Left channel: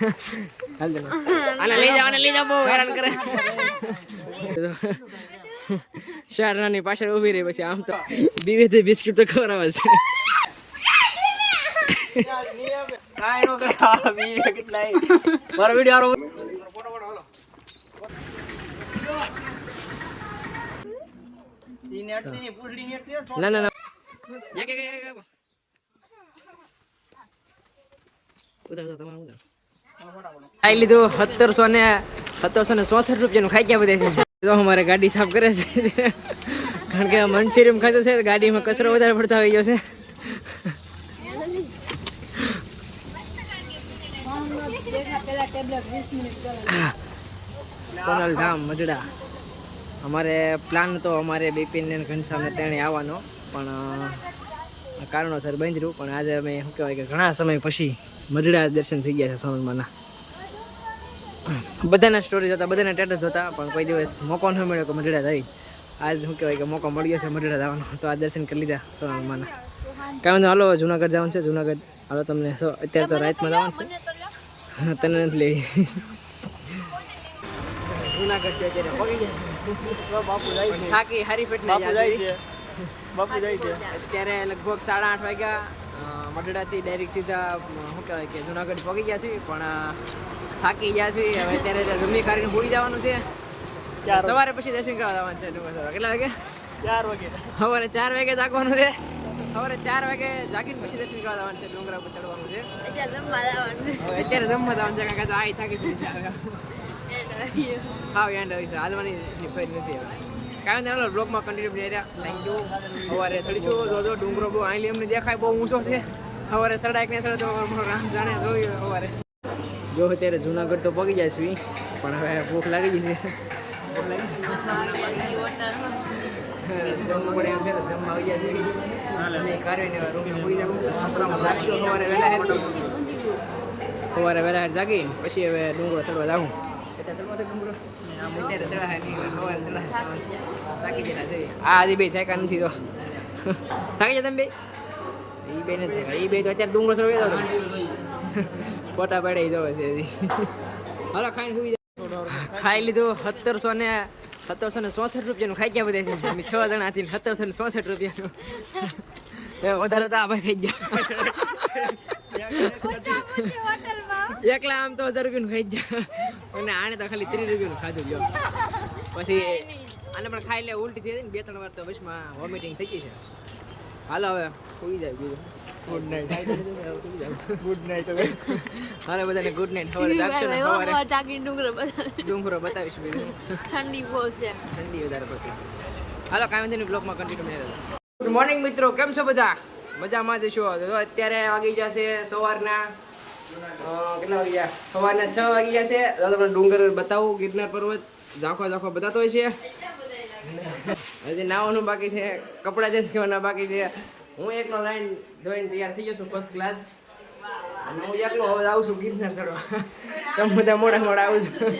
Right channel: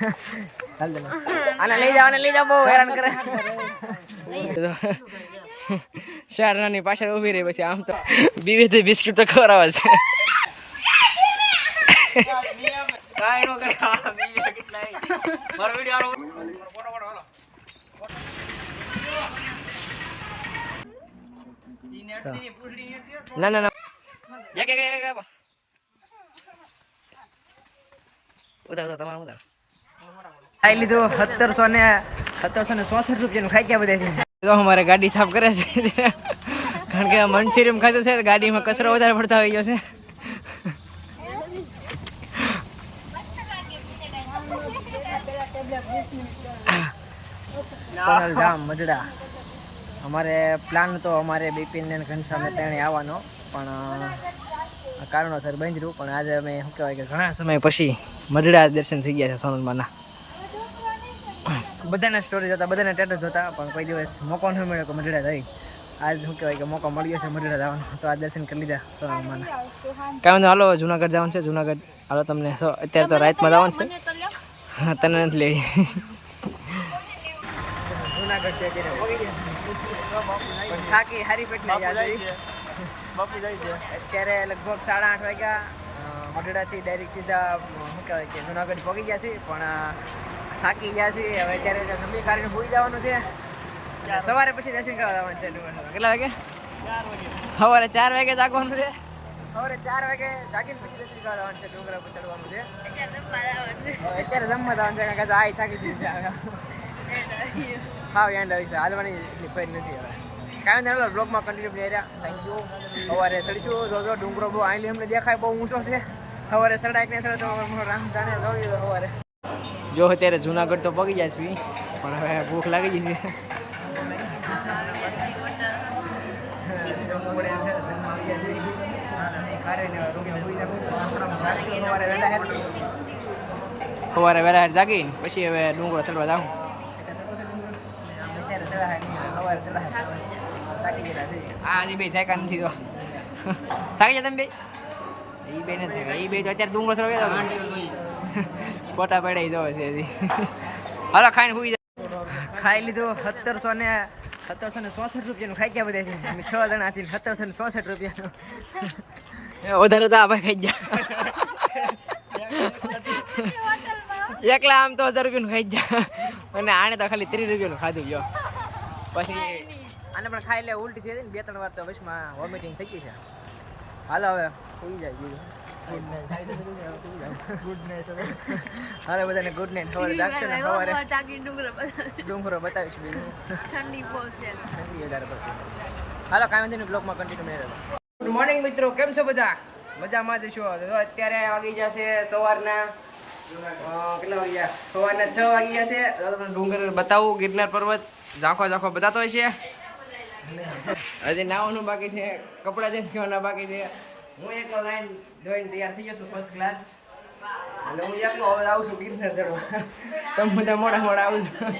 હાલ આને લઈ જાવ લઈ જાવ બહુ હેરાન કરે શારનાની પાછળ ઊભી રહી પછી આમ તો બીવે તો બિસ્કિટ તો ખવડાવે છે ના ના ના ઉતાર ઉતાર તમારું ઉતાર ખાઈ લીધું, સત્તરસો ને સત્તરસો ને ચોસઠ રૂપિયાનું ખાઈ ગયા બધા તો અમારે ગાડી સાફ કરે છે. કારણ કે મંચુરિયમ ખાધું છે ગાડીમાં કચરો વધારે પડતો આવી ગયો છે. સોનલ ધામ મજડા. અમારે પ્લાન તો અમારે બિપિન ને ઘનશ્યામ ને તેણે આવવાનો, પણ કારણોસર બંધ રહ્યું. પણ આજે અમે શું કહેવાય કે ઘણા સમય પછી મજડા દર્શન થઈ ગયા છે સોનલમાંના. બધાના સ્ટોરી જોતા બધાના સ્ટેટસ જોતા પણ કોઈ દિવસ મોકો ન મળ્યો કે મઢડા થઈ આજ શું કહેવાય કે મોકો મળ્યો છે મઢડા જવાનો. તો આ દર્શન કરી લીધા સોનલમાંના. કાંઈ વાંધો હાલો જુનાગઢ જવાનું છે જુનાગઢ. હાલો તમને અત્યારે તો રાતમાં જવાનું છે. હા તને નથી લેવી. જુનાગઢ અત્યારે પગી પણ થાકી બાપુ જાય છે. અત્યારે લગભગ સાડા આઠ વાગ્યા. મઢડાથી ડાયરેક્ટ સીધા શું કહેવાય કે જુનાગઢ પહોંચી ગયા છે પણ થાકી ગયા છે હવે અત્યારે ત્યાં જમી કરીને હોઈ જવાનું છે. સવારે પછી દર્શન કરવા જવાનું છે કેટલા વાગે? ચાર વાગે. સવારે ચાર વાગે જાગવાનું છે. સવારે ચાર વાગે જાગીને પછી દર્શન કરવા જવાનું છે. ડુંગરા ઉપર ચડવાનું છે. અત્યારે જમવા જવાનું છે. કારણ કે આ થાકી ગયું છે હવે. હા એન્ડ આવી છે. હાલવાની એટલી ફરી નથી હવે. કારણ કે બ્લોગમાં કન્ટિન્યુ બની રહ્યા. થેન્ક યુ સવારે સડીશું જોજો ડુંગરો બહુ આઈલી અમને દેખાય બહુ ઊંચો છે. સવારે સડાય કે નહીં સડે તો રામ જાણે જોયું સવારે. જો અત્યારે જુનાગઢ તો પગી જાય છે પણ હવે ભૂખ લાગી ગઈ છે. જમવું પડે એમ છે ને જમવા આવી ગયા છે રૂમે હોઈ જવું જાગશું સવારે વહેલા હેર સવારે વહેલા હેર જાગીને પછી હવે ડુંગળો ચડવા જાઉં. અત્યારે ચડાય નહીં સવારે ચડાય થાકી જતા છે. આ હજી બે થાકા નથી તો. થાકી જાય તમે બે? એ બે નથી થાકા એ બે તો અત્યારે ડુંગળો ચડવા જતો ફોટા પડાઈ જવો છે હજી હાલો, ખાઈને જાય ખાઈ લીધું સત્તરસો ને સત્તરસો ને ચોસઠ રૂપિયાનું ખાઈ ગયા બધા. અમે છ જણા હતી સત્તરસો ને ચોસઠ રૂપિયાનું. વધારે તો આપણે ખાઈ ગયા. એકલા આમ તો હજાર રૂપિયાનું ખાઈ ગયા. અને આને તો ખાલી ત્રીસ રૂપિયાનું ખાધું ગયો. પછી આને પણ ખાઈ લે, ઉલટી થઈ હતી ને બે ત્રણ વાર તો પછી વોમિટિંગ થઈ ગઈ છે. હાલો હવે, સુઈ જાય બીજું. હાલો બધાને ગુડ નાઇટ સવારે જાગશો ને? સવારે ડુંગર ડુંગરો બતાવીશ બીજું ઠંડી બહુ છે. ઠંડી વધારે પડતી છે. હાલો કાંઈ વાંધો નહીં. બ્લોગમાં કન્ટિન્યુ મેં રહેતા ગુડ મોર્નિંગ મિત્રો. કેમ છો બધા? મજામાં જ છો? તો અત્યારે વાગી જશે સવારના. કેટલા વાગી ગયા? સવારના છ વાગી ગયા છે. તમને ડુંગર બતાવું. ગિરનાર પર્વત ઝાંખો ઝાંખો બતાતો હોય છે. હજી નાવાનું બાકી છે. કપડાં ચેન્જ કરવાના બાકી છે. હું એકલો લાઈન ધોઈને તૈયાર થઈ ગયો છું ફર્સ્ટ ક્લાસ અને હું એકલો હવે આવું છું ગિરનાર ચડવા. તમે બધા મોડા મોડા આવું છું.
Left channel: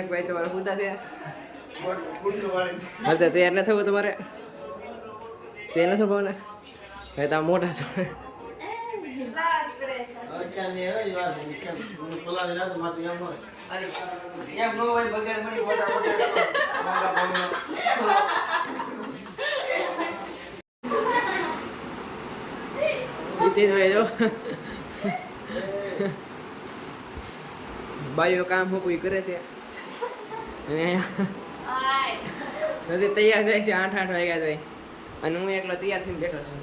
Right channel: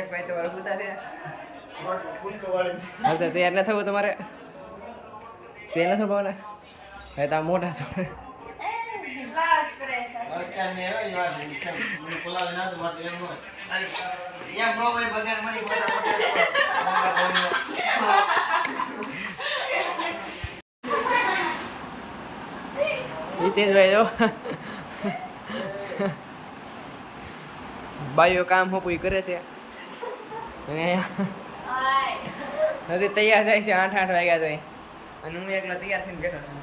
એક ભાઈ તમારે પૂતા છે. હવે તૈયાર ન થવું તમારે. તે નથી ભાવના ભાઈ તમે મોટા છો. હિતેશભાઈ જો. બાઈઓ કામ હું પૂરી કરે છે. અને અહીંયા નથી તૈયાર થાય છે, આઠ આઠ વાગ્યા જાય અને હું એકલો તૈયાર થઈને બેઠો છું.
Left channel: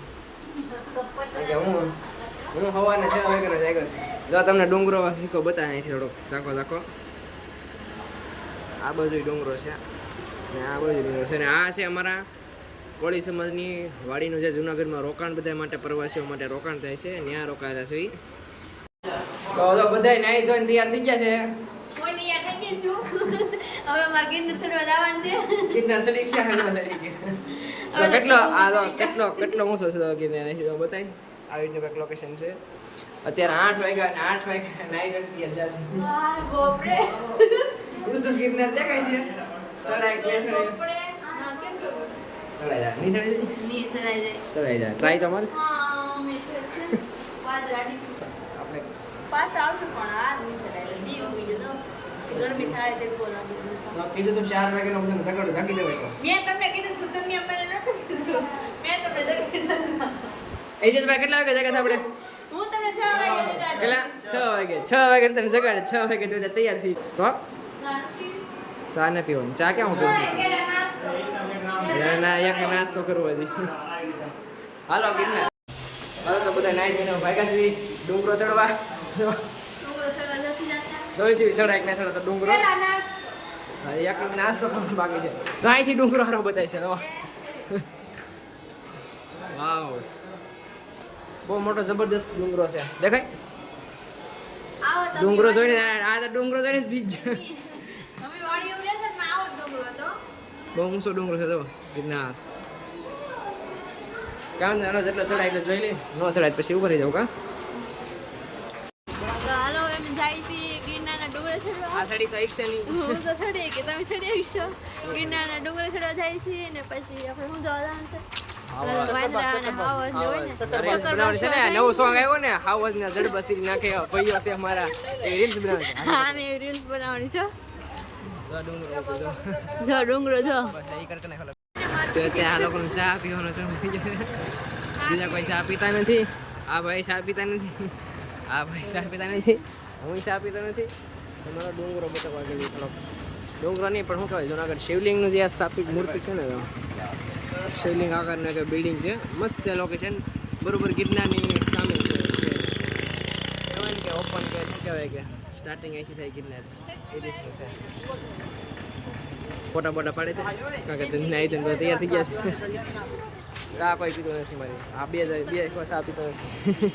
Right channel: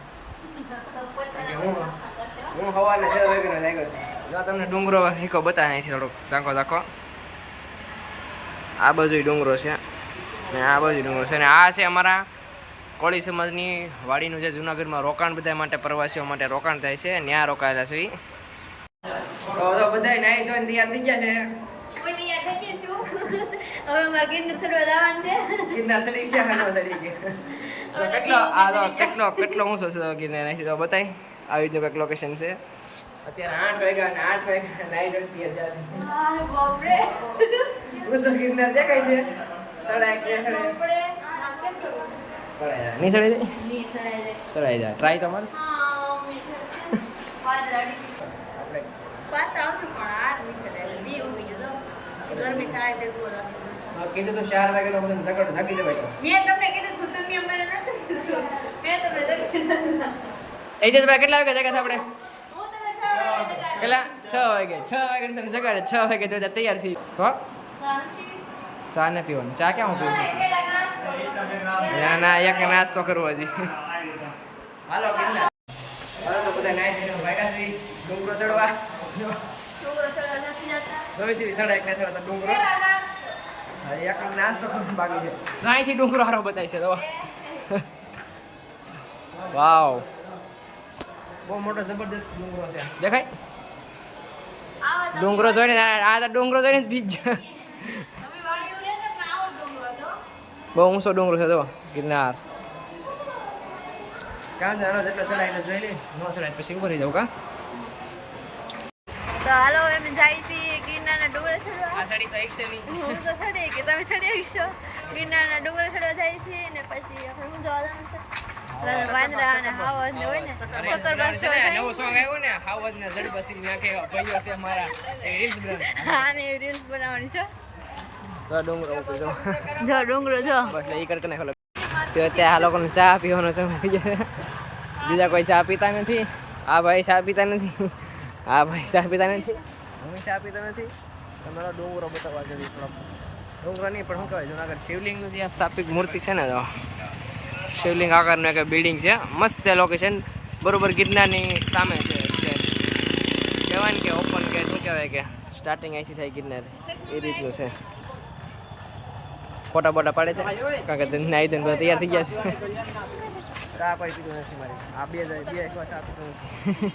હું હું સવારના છ વાગ્યાનો જાગ્યો છું. જો તમને ડુંગરો હીકો બતાવે અહીંથી થોડોક. ઝાંખો ઝાંખો. આ બાજુ ડુંગરો છે. ને આ બાજુ ડુંગરો છે. અને આ છે અમારા કોળી સમાજની વાડીનું જે જુનાગઢમાં રોકાણ બધા માટે પ્રવાસીઓ માટે રોકાણ થાય છે ત્યાં રોકાયેલા છે તો તો બધા નાઈ ધોઈને તૈયાર થઈ ગયા છે. કેટલો આ તો કેટલો કેટલો ઊંચો છે ગિરનાર તો બતાય. આવી રીતનું કંઈક લોકેશન છે. અત્યારે આઠ વાગ્યા અને આઠ વાગ્યા નાઈ ધોઈને તૈયાર જશે ઊંચો ગિરનાર દેખાય છે. કે કેમ કરવું જાય. નહીં ટ્રાય તમારે? આપણે પાછા આવશું પણ આ નહીં ચડાય દી ઉગી ગયો તો. ગરમી થાય એટલે બહુ કીધું તું ચાર વાગેનો બધાને જગાડો જાગી જવાય મેં તમને કીધું તું તમે અમને નથી કીધું. મેં તમને જગી નથી. કેટલા વાગે જાગ્યા આપણે? વાગે કેટલા? છ વાગે. છ વાગે તને જગાડે. છ વાગે તો તૈયાર થઈ. ચા ને પીવાનું. ચા ક્યાં હું પીવું. ના ના એક નાસ્તો કરવો હજી. હાલો કેટલા હાલો તો બધા નાઈ જઈને ભાઈકા સુધી ડુંગરો ચડવા. જોઈ છે ચડાય એક ના સડા તો ડુંગરો. એક નાસ્તો કરવાનો બાકી છે. તો અહીંથી ડુંગરો હારો બતાય છે તો વાવ. બહુ મોટો જબરદસ્ત ડુંગરો છે. દેખાય? ડુંગરો જોઈને આ ડુંગરો જોઈને બીજ અમે વાડીએ ગયા હતા ને આવો ડુંગરો હતો. બહુ ઊંચો ડુંગરો છે તો ગિરનાર નાનો જેટલો ચડાય એટલે જોઈ લે નો ચડાય પછી ઊભા રહી જાવ કા તો હાલો એમ જાય છીએ ગિરનારના ડુંગરે ચડવા આ સાડી તો એક છે નહીં હું તો ચડી કે તમે ચડી આવશો ગિરનારના ડુંગરે ચડવા જાય છીએ ને પછી આપણે શું જવા જવાનું છે વાંદરા અને હાવજ ને હોય ને રીલ્સ બનાવવાની છે જો, ડુંગરો જો. આ લોકોને ચા પીવાનો સમય બીજા કોઈ ચા પીતા નથી. આ ભાઈ ચા પીતા નથી. આ ભાઈ ચા પીતા નથી. હું ચા પીતો નથી. તમારો ડુંગરો બતાવવા ગયો ડુંગરો નહીં, પણ શું કહેવાય, જુનાગઢ શિવલિંગનું જે સ્થાપિત મૂર્તિ છે ને તો. શિવલિંગ આકારનું એક બિલ્ડિંગ છે. મસ્ત છે લોકેશન બરોબર ગિરનારની સામે છે કહેવાય ને કે ઓપન કે શું કહેવાય કે સ્ટાર્ટિંગ અહીંથી થાય ગિરનાર. એ રીતનું છે. ફોટા બોટા પાડે છે. કારણ કે તેને નાઈ ધોઈને બધા તૈયાર થઈ ગયા છે. ચા કોઈ પીતું નથી મારી. આ બે જાય બે એકવાર ચા પીતું નથી.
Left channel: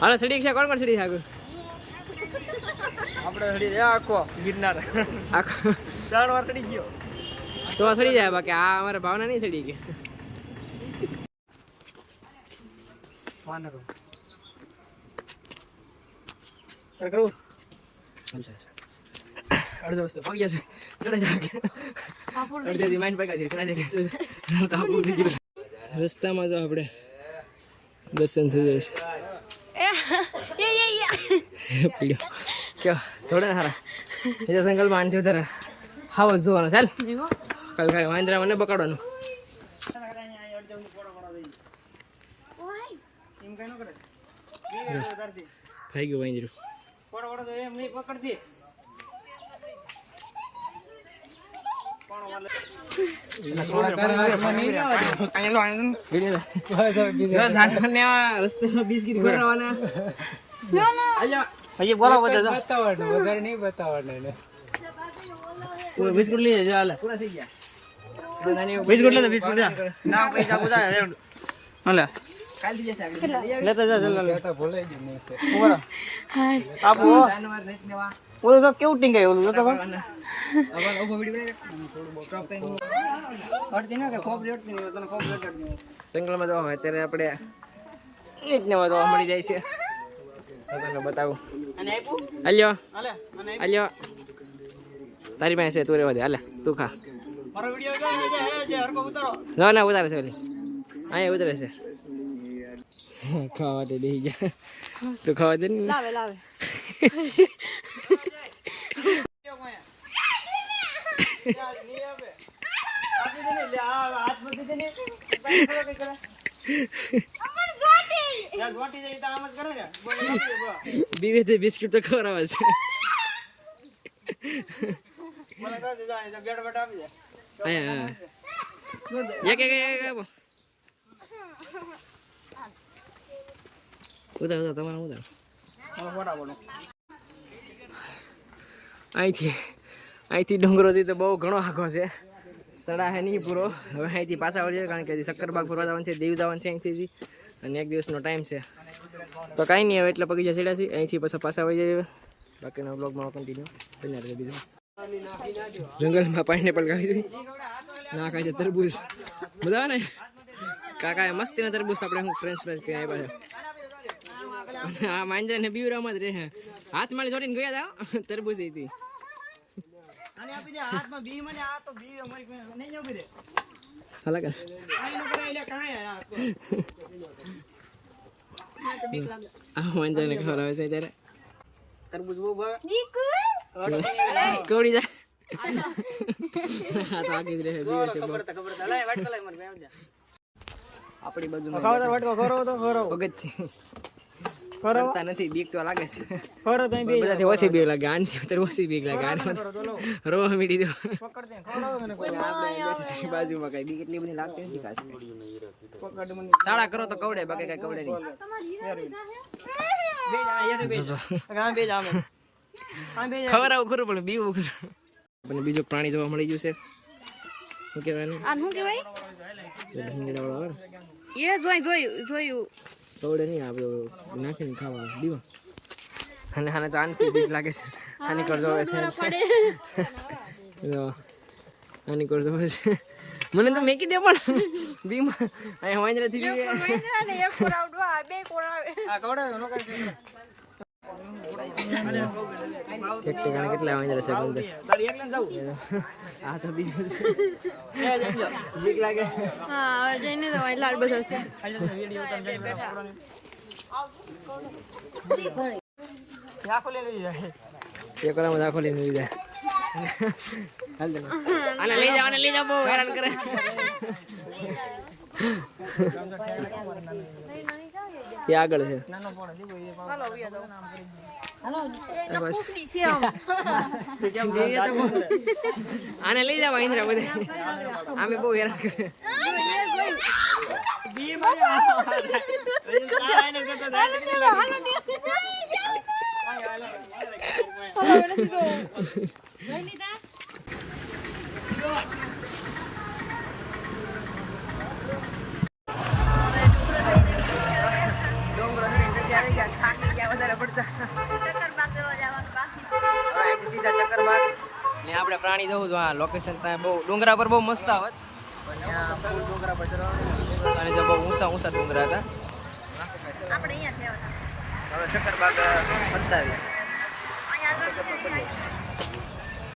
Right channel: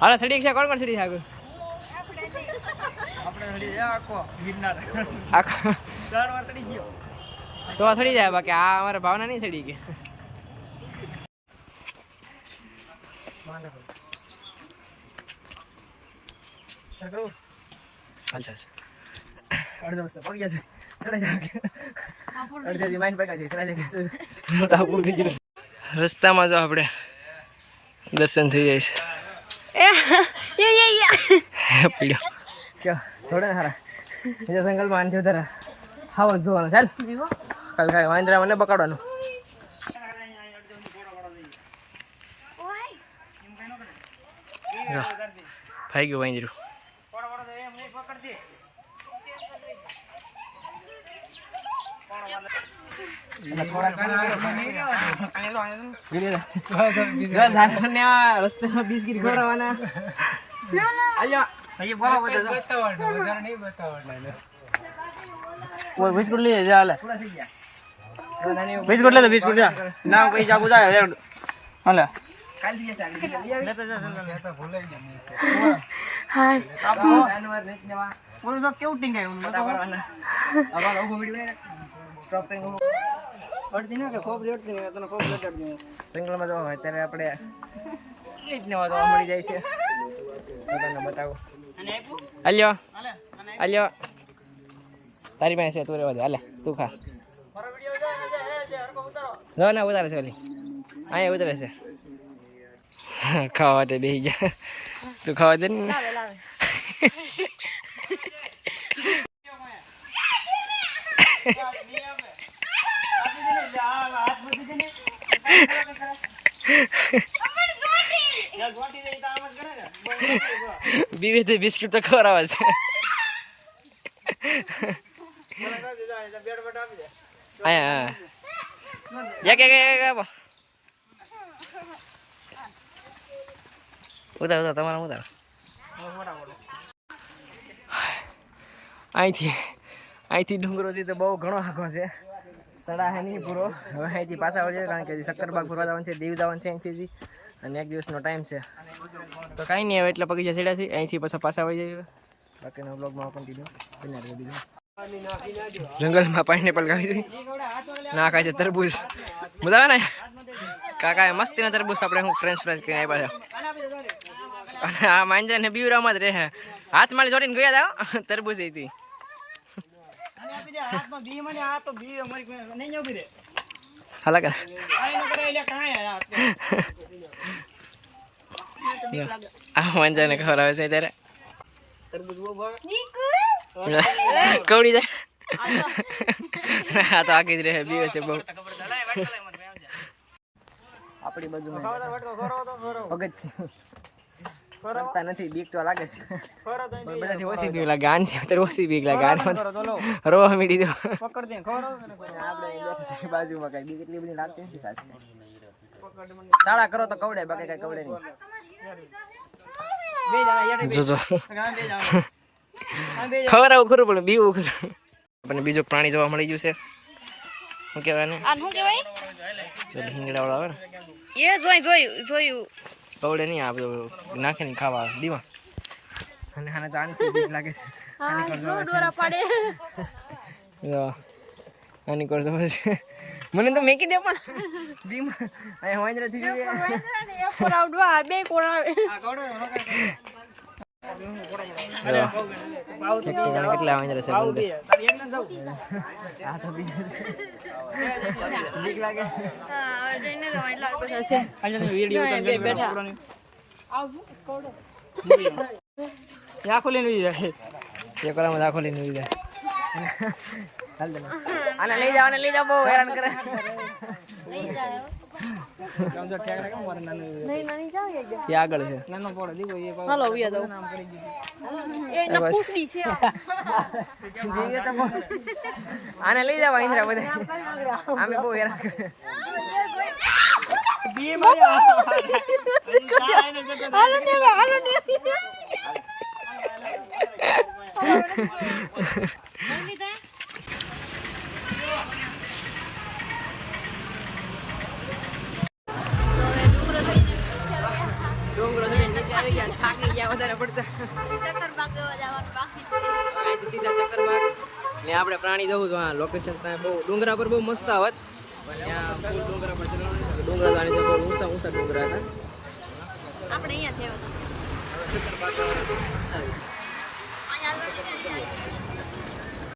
હાલો સડી છે કોણ કોણ સડી છે આગળ? તો સડી જાય બાકી આ અમારે ભાવના નહીં સડી કે કરું હાલ ચાલ. અડધો રસ્તો પગી જશે. ચડાઈ જાય અડધેથી માઇન પગ્યા છે ચડાઈ જાય રસ્તામાં જો આપણે દર્શન થઈ જાય છે. પીડ્યો કયો? થોડે હારા. બીજા આનથી વધારે હાવ જોવાનો. ચાલ. કાલ કાલે વાંદરા મને પકડવાનું. ભાઈ ગયું વાંદરું ઝાડને આ રસ્તામાં બિસ્કીટ ખવડાવવાના આલ્યા અહીંયા બોલો બધા ઓય બિસ્કુટ લઈ જા હાલે ગયા બિસ્કુટ લે તો બિસ્કુટ જા ના પૈસા ગુજાય હાલે કાલથી જશે આગળ લઈ આવી. લેતા જા જાનવર નેવા ઓલું તો કેવું ટીંગાય ઓલું તો આવા લોકો વીડિયો બનાવી. Stop કરીને ઊભો અડધી ના કે ખોબ રેડતી નહીં તને ખોપ રેડતી જંગલમાં જવા હોય ત્યારે આપણે એક ને નવા જોવા મળી જાય છે. તને બતાવું. હાલ્યો. હાલે અને હાલ્યો. તારી પાસે છે તું રેવા દે. હાલે તું ખા. મારો વિડિયો જો હે જે હરકો ઉતારો. જો ના ઉતારે છે ઓલી. અહીંયા ઉતારે છે. ખાવા માટે બેસી ગયા. તું ખાવા દે ને લાવે લાવે આપી દે ને લે આ હાથ મૂકી દે ને યાર ગોટી દે તો આમ જ કરે ને બીવે તો બિસ્કિટ તો ખવડાવે છે. અહીંયા એક એક એક આપો ઉતાર ઉતાર તમારા ઉતાર. અહીંથી અહીંથી ડુંગરોથી તો બહુ ઘણો આગો છે. સડા હે નહીં પૂરો. હવે અહીંથી પાછા વળીએ કારણ કે શક્કરબાગ ફરવા જવાનું છે, દીવ જવાનું છે અહીંથી અને એક દિવસનો ટાઈમ છે. તો કાંઈ નહીં, હવે એટલે બગીચા જશે છે અહીંથી પાછા પાછા વળી જઈએ. બાકીના બ્લોગમાં કન્ટિન્યુ બન્યા રહે બીજું. જંગલમાં પાઇનેપલ ખાવી હતી ના ખાય છે તરબૂજ મજા આવે ને? કાકાએ મસ્તીના તરબૂજ આપણે હું ફ્રેન્ચ ફ્રાઈઝ કરીને આવ્યા છે. અને આ માંજરાને બીવરામાં જ રહે. હાથ માળી જોડીને ગયા હતા તરબૂજ હતી. હાથમાં બી મને આ તો બી અમારી નહીં ઊભી રે હાલા કે આ એનો કરે એટલે કાંઈ યાર આ માંજરાને ખબર આવે છે ત્યારે. કવડી જાય. આ તો આખી જ રહે બીવે છે બહુ. આપણી બાજુમાં છે. કરતા નથી બીક તો લાગે છે. ખરો તો પણ બધાથી ઓછી બીક લાગે તો અત્યારે ઓછી બીક લાગે લો. રોવા મીડી દો પકડ દે ખબર આવે મને આપણે બાજુમાં કઈ. બીક એટલી બધી લાગતી નથી ખાસ. પકડ મને. શાળા કરો તો કવડે બાકી કઈ કવડે નહીં. બે જા યાર બે જોજો. બે જા બે જા. ખબર આવું ખરું પણ બીવું ખરું. આપણને બીજું પ્રાણી જોવા મળી ગયું છે. શું કહેવાય ને આ શું કહેવાય? હિંગડા વાળા આવે ને. એ જોઈ જોયું જોયું. કવડે નહીં આ બધું નાખીને ખાવા. આવે દીમાં અને આને તો આનથી બીક લાગે છે. આની કરજો પડે. આની કરજો છે. મને તો મેકી દે પણ. દીમા અહીંયા વાંદરાથી બીવે એક કોરાવ ડવા બે આવે? આ કવડા જો, ઠેકાણે કેટલા આવી છે એકને આ તો બીજું છે. બીક લાગે. હા હવે જઈને તો અહીં લાડ બેઠા છે. બેઠા. ઉઈ જાય. આને લઈ જાવ આને લઈ જાવ બહુ હેરાન કરે. એ આગળ છે. નાનો પોડો દીવો એ પાછો હાલો વિયા જાવ એ તો બસ. છે આમ. દિવ્ય તો આને લઈ જાવ ઇન્દ્રા બધા. અમે બહુ હેરાન કરે. આવી ગયા? થાકી ગયા વધારે પડતા. ચક્કરબાગ જોવા જવાનું બાકી હવે અહીંથી સીધા ચક્કરબાગ. ને આપણે પ્રાણી જવું તો આ લોકેશન ત્યાં બહુ ડુંગરા પર બહુ મસ્ત આવત પણ ત્યાં ફૂલ ડુંગરા પર ચડવાનું નહીં ને ડુંગરા આની જે બહુ ઊંચા ઊંચા ડુંગરા હતા. આપણે અહીંયા થયા હતા હવે ચક્કરબાગ ફરતા આવ્યા અહીંયા